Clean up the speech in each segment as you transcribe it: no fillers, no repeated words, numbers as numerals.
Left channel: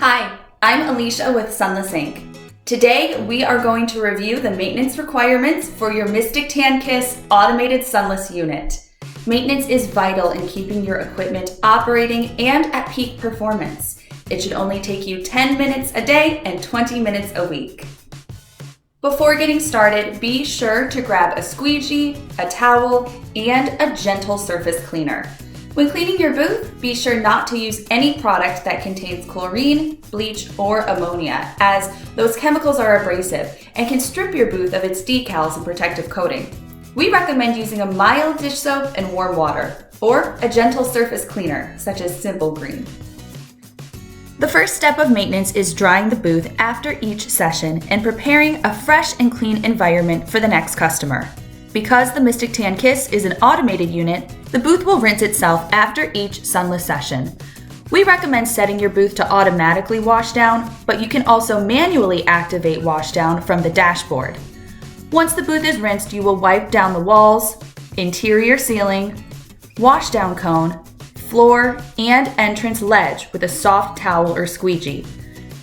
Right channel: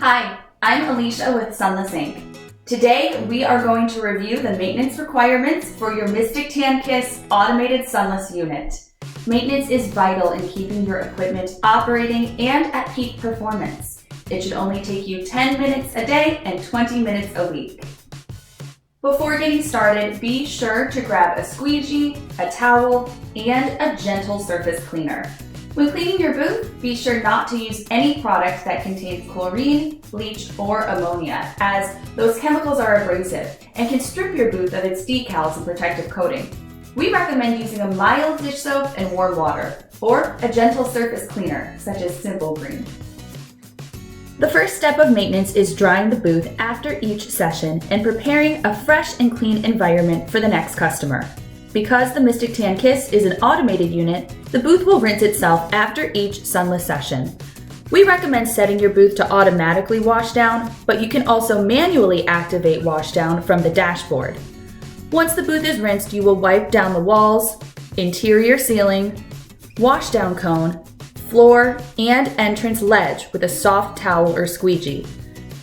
Hi, I'm Alicia with Sunless Inc. Today, we are going to review the maintenance requirements for your Mystic Tan Kyss automated sunless unit. Maintenance is vital in keeping your equipment operating and at peak performance. It should only take you 10 minutes a day and 20 minutes a week. Before getting started, be sure to grab a squeegee, a towel, and a gentle surface cleaner. When cleaning your booth, be sure not to use any product that contains chlorine, bleach, or ammonia, as those chemicals are abrasive and can strip your booth of its decals and protective coating. We recommend using a mild dish soap and warm water, or a gentle surface cleaner, such as Simple Green. The first step of maintenance is drying the booth after each session and preparing a fresh and clean environment for the next customer. Because the Mystic Tan Kyss is an automated unit, the booth will rinse itself after each sunless session. We recommend setting your booth to automatically wash down, but you can also manually activate wash down from the dashboard. Once the booth is rinsed, you will wipe down the walls, interior ceiling, wash down cone, floor, and entrance ledge with a soft towel or squeegee.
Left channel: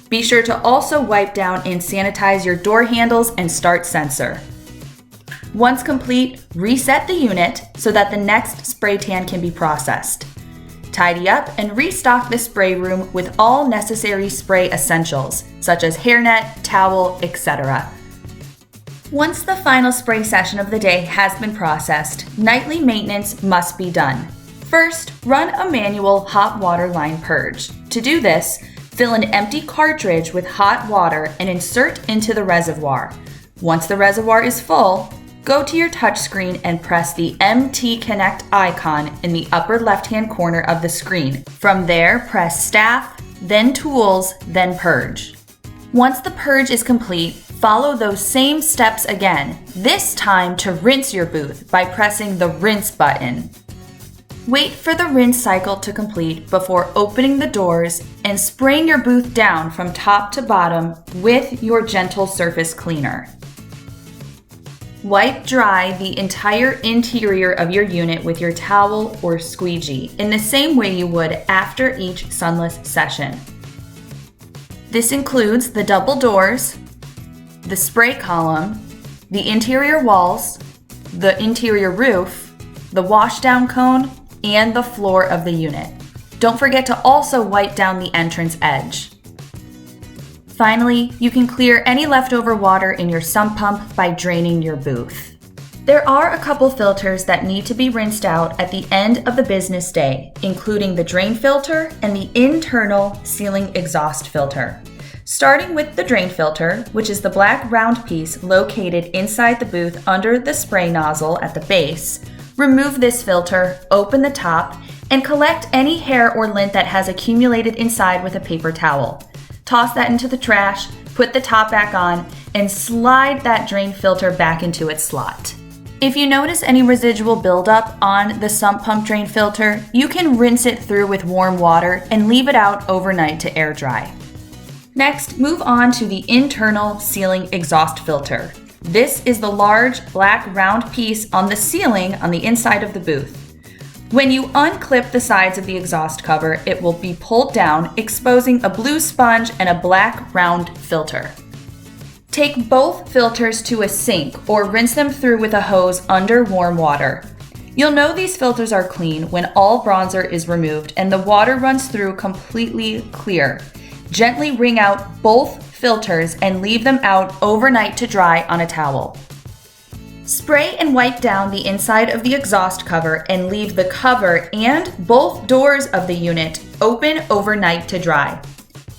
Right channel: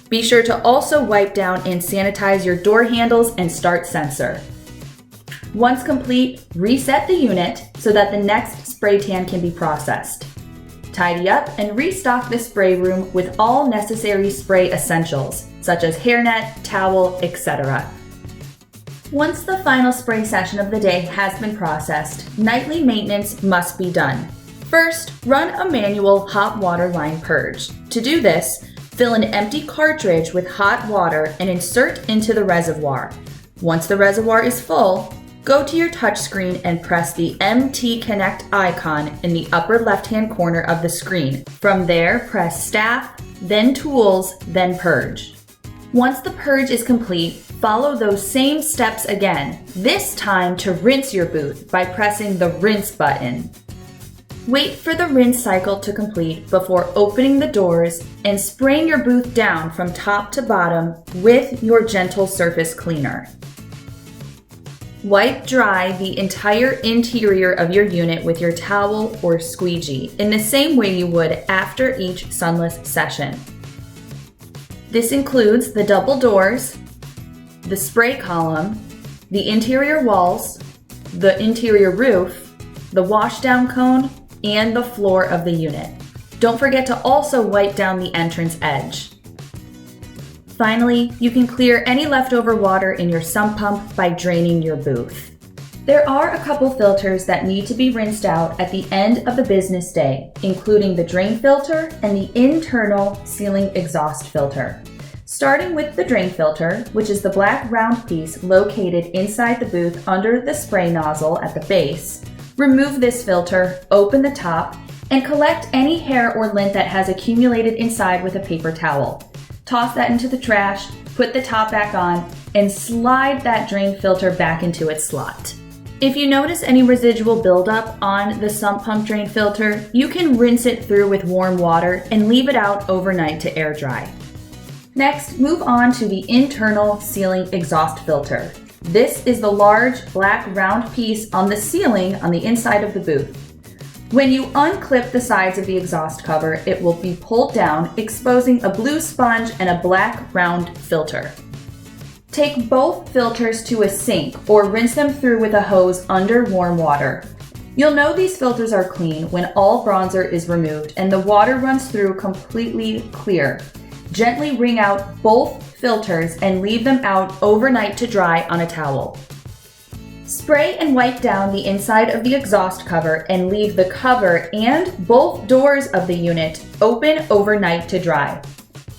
Be sure to also wipe down and sanitize your door handles and start sensor. Once complete, reset the unit so that the next spray tan can be processed. Tidy up and restock the spray room with all necessary spray essentials, such as hairnet, towel, etc. Once the final spray session of the day has been processed, nightly maintenance must be done. First, run a manual hot water line purge. To do this, fill an empty cartridge with hot water and insert into the reservoir. Once the reservoir is full, go to your touchscreen and press the MT Connect icon in the upper left-hand corner of the screen. From there, press Staff, then Tools, then Purge. Once the purge is complete, follow those same steps again, this time to rinse your booth by pressing the Rinse button. Wait for the rinse cycle to complete before opening the doors and spraying your booth down from top to bottom with your gentle surface cleaner. Wipe dry the entire interior of your unit with your towel or squeegee in the same way you would after each sunless session. This includes the double doors, the spray column, the interior walls, the interior roof, the washdown cone, and the floor of the unit. Don't forget to also wipe down the entrance edge. Finally, you can clear any leftover water in your sump pump by draining your booth. There are a couple filters that need to be rinsed out at the end of the business day, including the drain filter and the internal ceiling exhaust filter. Starting with the drain filter, which is the black round piece located inside the booth under the spray nozzle at the base, remove this filter, open the top, and collect any hair or lint that has accumulated inside with a paper towel. Toss that into the trash, put the top back on, and slide that drain filter back into its slot. If you notice any residual buildup on the sump pump drain filter, you can rinse it through with warm water and leave it out overnight to air dry. Next, move on to the internal ceiling exhaust filter. This is the large black round piece on the ceiling on the inside of the booth. When you unclip the sides of the exhaust cover, it will be pulled down, exposing a blue sponge and a black round filter. Take both filters to a sink or rinse them through with a hose under warm water. You'll know these filters are clean when all bronzer is removed and the water runs through completely clear. Gently wring out both filters and leave them out overnight to dry on a towel. Spray and wipe down the inside of the exhaust cover and leave the cover and both doors of the unit open overnight to dry.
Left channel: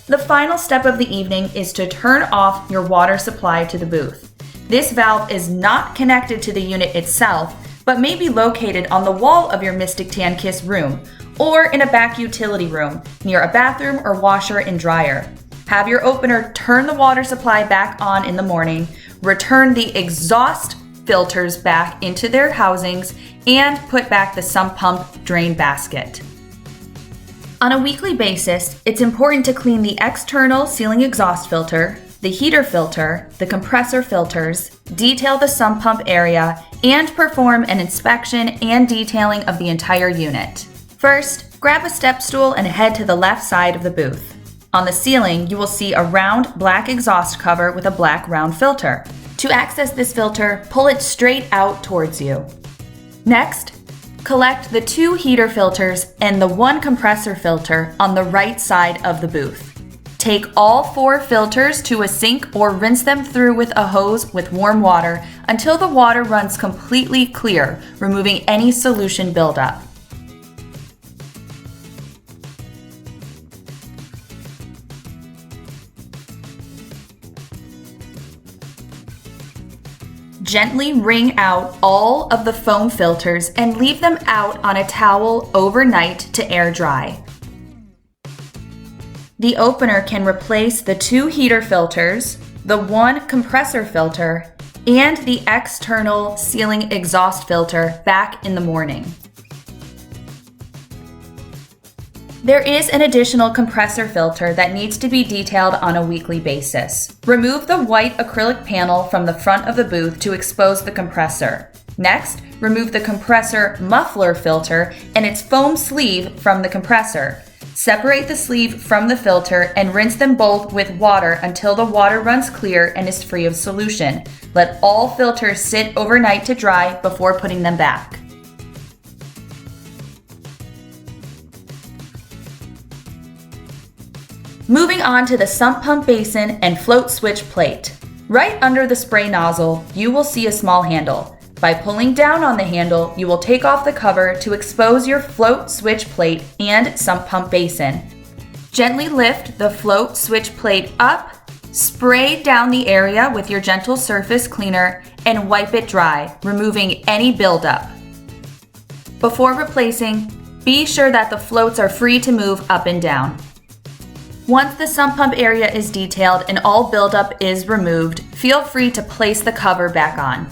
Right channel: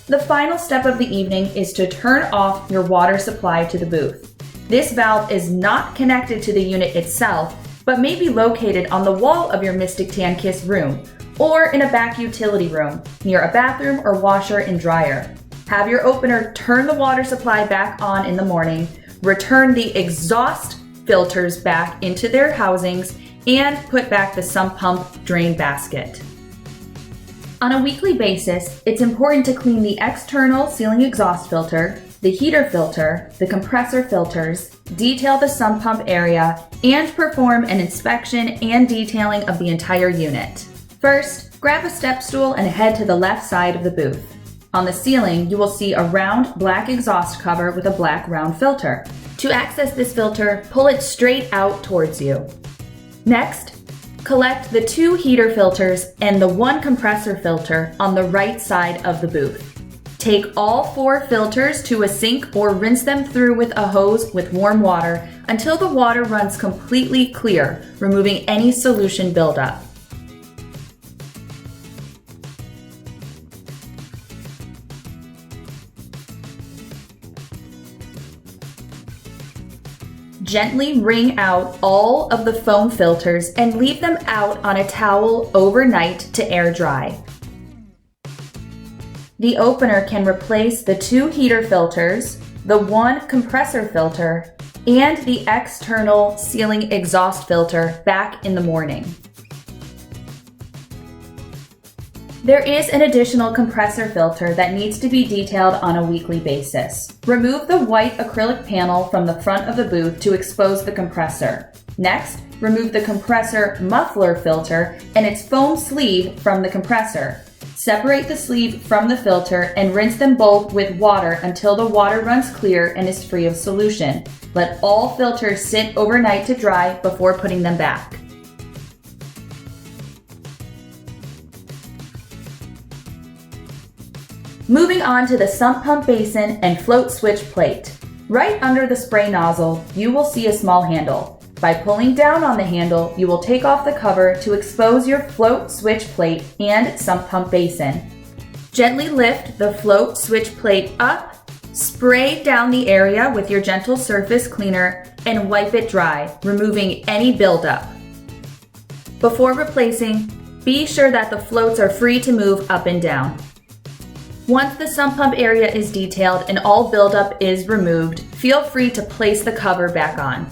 The final step of the evening is to turn off your water supply to the booth. This valve is not connected to the unit itself, but may be located on the wall of your Mystic Tan Kyss room or in a back utility room near a bathroom or washer and dryer. Have your opener turn the water supply back on in the morning, return the exhaust filters back into their housings, and put back the sump pump drain basket. On a weekly basis, it's important to clean the external ceiling exhaust filter, the heater filter, the compressor filters, detail the sump pump area, and perform an inspection and detailing of the entire unit. First, grab a step stool and head to the left side of the booth. On the ceiling, you will see a round black exhaust cover with a black round filter. To access this filter, pull it straight out towards you. Next, collect the 2 heater filters and the 1 compressor filter on the right side of the booth. Take all 4 filters to a sink or rinse them through with a hose with warm water until the water runs completely clear, removing any solution buildup. Gently wring out all of the foam filters and leave them out on a towel overnight to air dry. The opener can replace the 2 heater filters, the 1 compressor filter, and the external ceiling exhaust filter back in the morning. There is an additional compressor filter that needs to be detailed on a weekly basis. Remove the white acrylic panel from the front of the booth to expose the compressor. Next, remove the compressor muffler filter and its foam sleeve from the compressor. Separate the sleeve from the filter and rinse them both with water until the water runs clear and is free of solution. Let all filters sit overnight to dry before putting them back. Moving on to the sump pump basin and float switch plate. Right under the spray nozzle, you will see a small handle. By pulling down on the handle, you will take off the cover to expose your float switch plate and sump pump basin. Gently lift the float switch plate up, spray down the area with your gentle surface cleaner, and wipe it dry, removing any buildup. Before replacing, be sure that the floats are free to move up and down. Once the sump pump area is detailed and all buildup is removed, feel free to place the cover back on.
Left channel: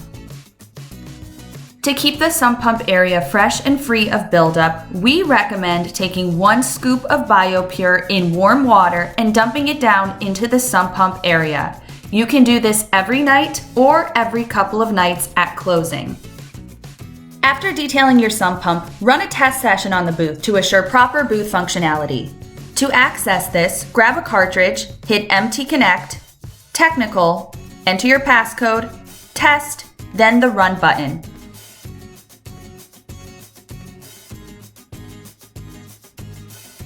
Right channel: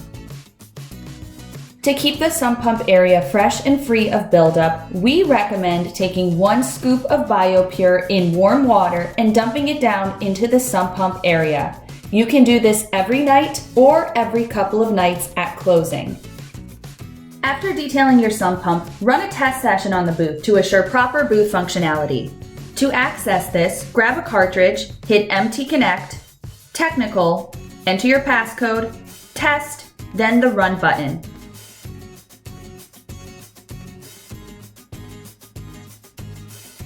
To keep the sump pump area fresh and free of buildup, we recommend taking 1 scoop of BioPure in warm water and dumping it down into the sump pump area. You can do this every night or every couple of nights at closing. After detailing your sump pump, run a test session on the booth to assure proper booth functionality. To access this, grab a cartridge, hit Empty Connect, Technical, enter your passcode, Test, then the Run button.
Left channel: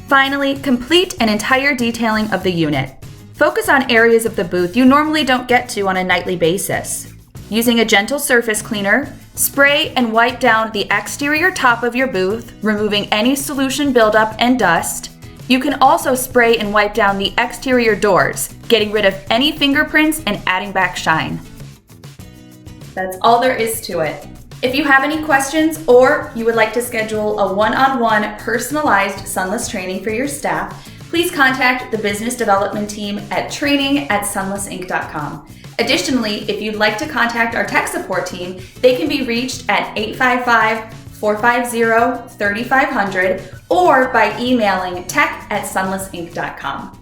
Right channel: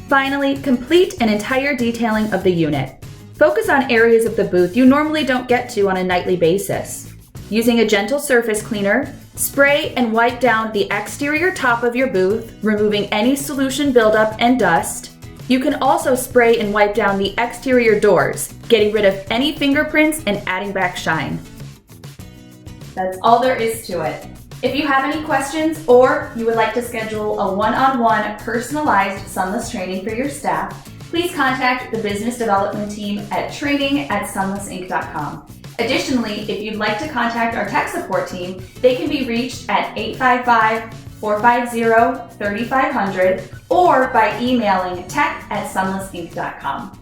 Finally, complete an entire detailing of the unit. Focus on areas of the booth you normally don't get to on a nightly basis. Using a gentle surface cleaner, spray and wipe down the exterior top of your booth, removing any solution buildup and dust. You can also spray and wipe down the exterior doors, getting rid of any fingerprints and adding back shine. That's all there is to it. If you have any questions or you would like to schedule a one-on-one personalized sunless training for your staff, please contact the business development team at training@sunlessinc.com. Additionally, if you'd like to contact our tech support team, they can be reached at 855-450-3500 or by emailing tech@sunlessinc.com.